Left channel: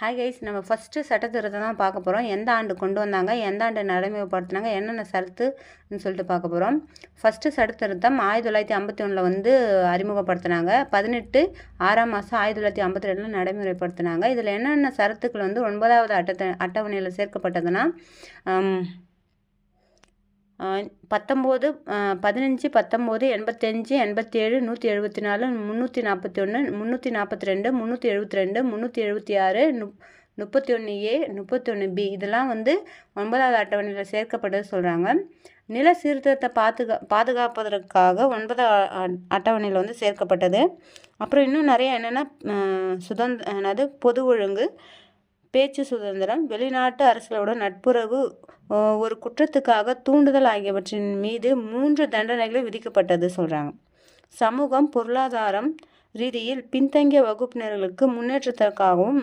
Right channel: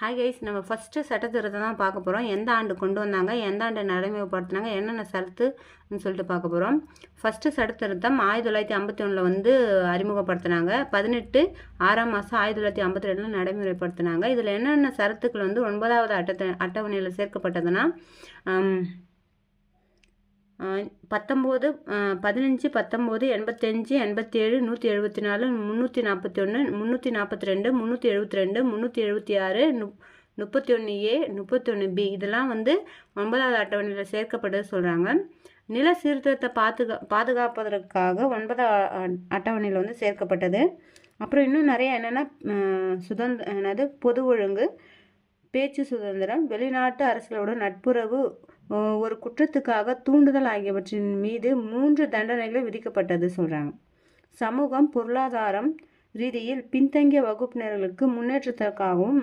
Hi guys, நம்ம first சட்டத்திருத்தம் தான் பார்க்க போகிறோம். எந்த ஆண்டு கொண்டு வந்தாங்க, எந்த ஆண்டு நடைமுறைப்படுத்தினாங்க, என்னென்ன சரத்துன்னு சொல்லிட்டு பார்க்க போகிறோம். ஃபஸ்ட்டு சட்டத்திருத்தம் 1951 வந்து அறிமுகப்படுத்தினாங்க. 18/6/1952 நடைமுறைப்படுத்தினாங்க. இதில் என்னென்ன சரத்துக்கள் வந்து 9வது அட்டவணையில் சேர்க்கப்பட்டதுன்னா 19 15 19 85 87 174 341 342 372 376 31A 31B இதெல்லாம் வந்து 9வது அட்டவணையில் சேர்க்கப்பட்டது சொல்கிறாங்க. நில சீர்திருத்தத்தை பாதுகாப்பதற்காக 9வது அட்டவணையில் வந்து சேர்க்கப்பட்டது. அப்புறம் இன்னும் நிறைய என்னென்னா என்னது பொது ஒழுங்கு, பேச்சு சுதந்திரம், வெளிநாட்டு அரசுகளோட நட்புறவு, ஒரு குற்றத்துக்காக தூண்டுதல் ஆகியவற்றின் மீது 3 தண்டனைகள் விதிக்கப்பட்டது சொல்கிறாங்க. சமூகம் பொருளாதாரம் ரீதியில் பின்தங்கிய வகுப்பினர்களுக்கு முன்னேற்றத்திற்காகவும்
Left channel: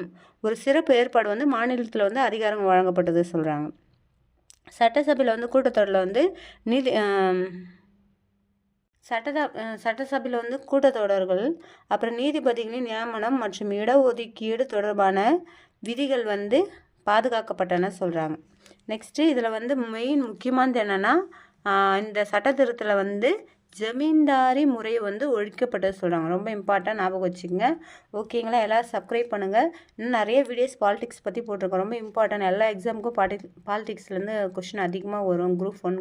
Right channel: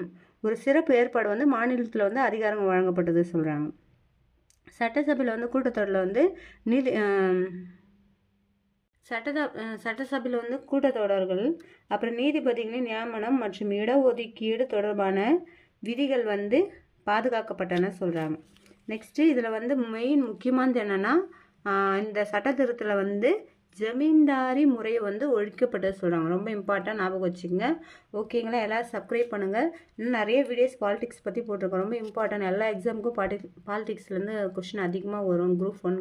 ஒரு சிறப்பு ஏற்பாடு வந்து மாநிலத்தில் வந்து அதிகாரம் வழங்கப்பட்டது சொல்கிறாங்க. சட்டசபையில் வந்து கூட்டத்தொடரில் வந்து சட்டசபையில் வந்து கூட்டத்தொடர்கள், அப்புறம் நீதிபதிகளின் நியமனம் மற்றும் இடஒதுக்கீடு தொடர்பான விதிகள் வந்து பாதுகாக்கப்பட்டன சொல்கிறாங்க. நெக்ஸ்ட்டு இதில் வந்து முக்கியமானது என்னென்னா இந்த சட்டத்திருத்தத்தில் வந்து ஜமீன்தாரி முறை வந்து ஒழிக்கப்பட்டது சொல்கிறாங்க. ரொம்ப இம்பார்ட்டன்ட், ஞாபகம் வச்சுக்கோங்க. ஓகேங்களா? எல்லோரும் சப்ஸ்கிரைப் பண்ணுங்கள். இன்னும் நிறைய வீடியோஸ் பாலிடிக்ஸ் பற்றி போட்டிருக்கோம். ரொம்ப இம்பார்ட்டன்ட். எல்லா எக்ஸாமுக்கும் பாலிடிக்ஸ்லேருந்து கொஷின் அதிகமாக வரும். குரூப் 1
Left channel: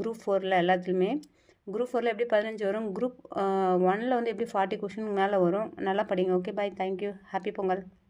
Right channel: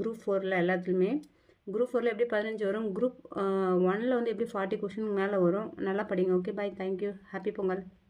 குரூப் 4 எல்லாத்துலேயுமே. குரூப் 4 எப்படி 15 வரும், குரூப் 1 வந்து எப்படி 40 கொஷின் மேலே வரும். நல்லா படிங்க. ஓகே, பாய், தேங்க்யூ, ஹாப்பி பொங்கல்.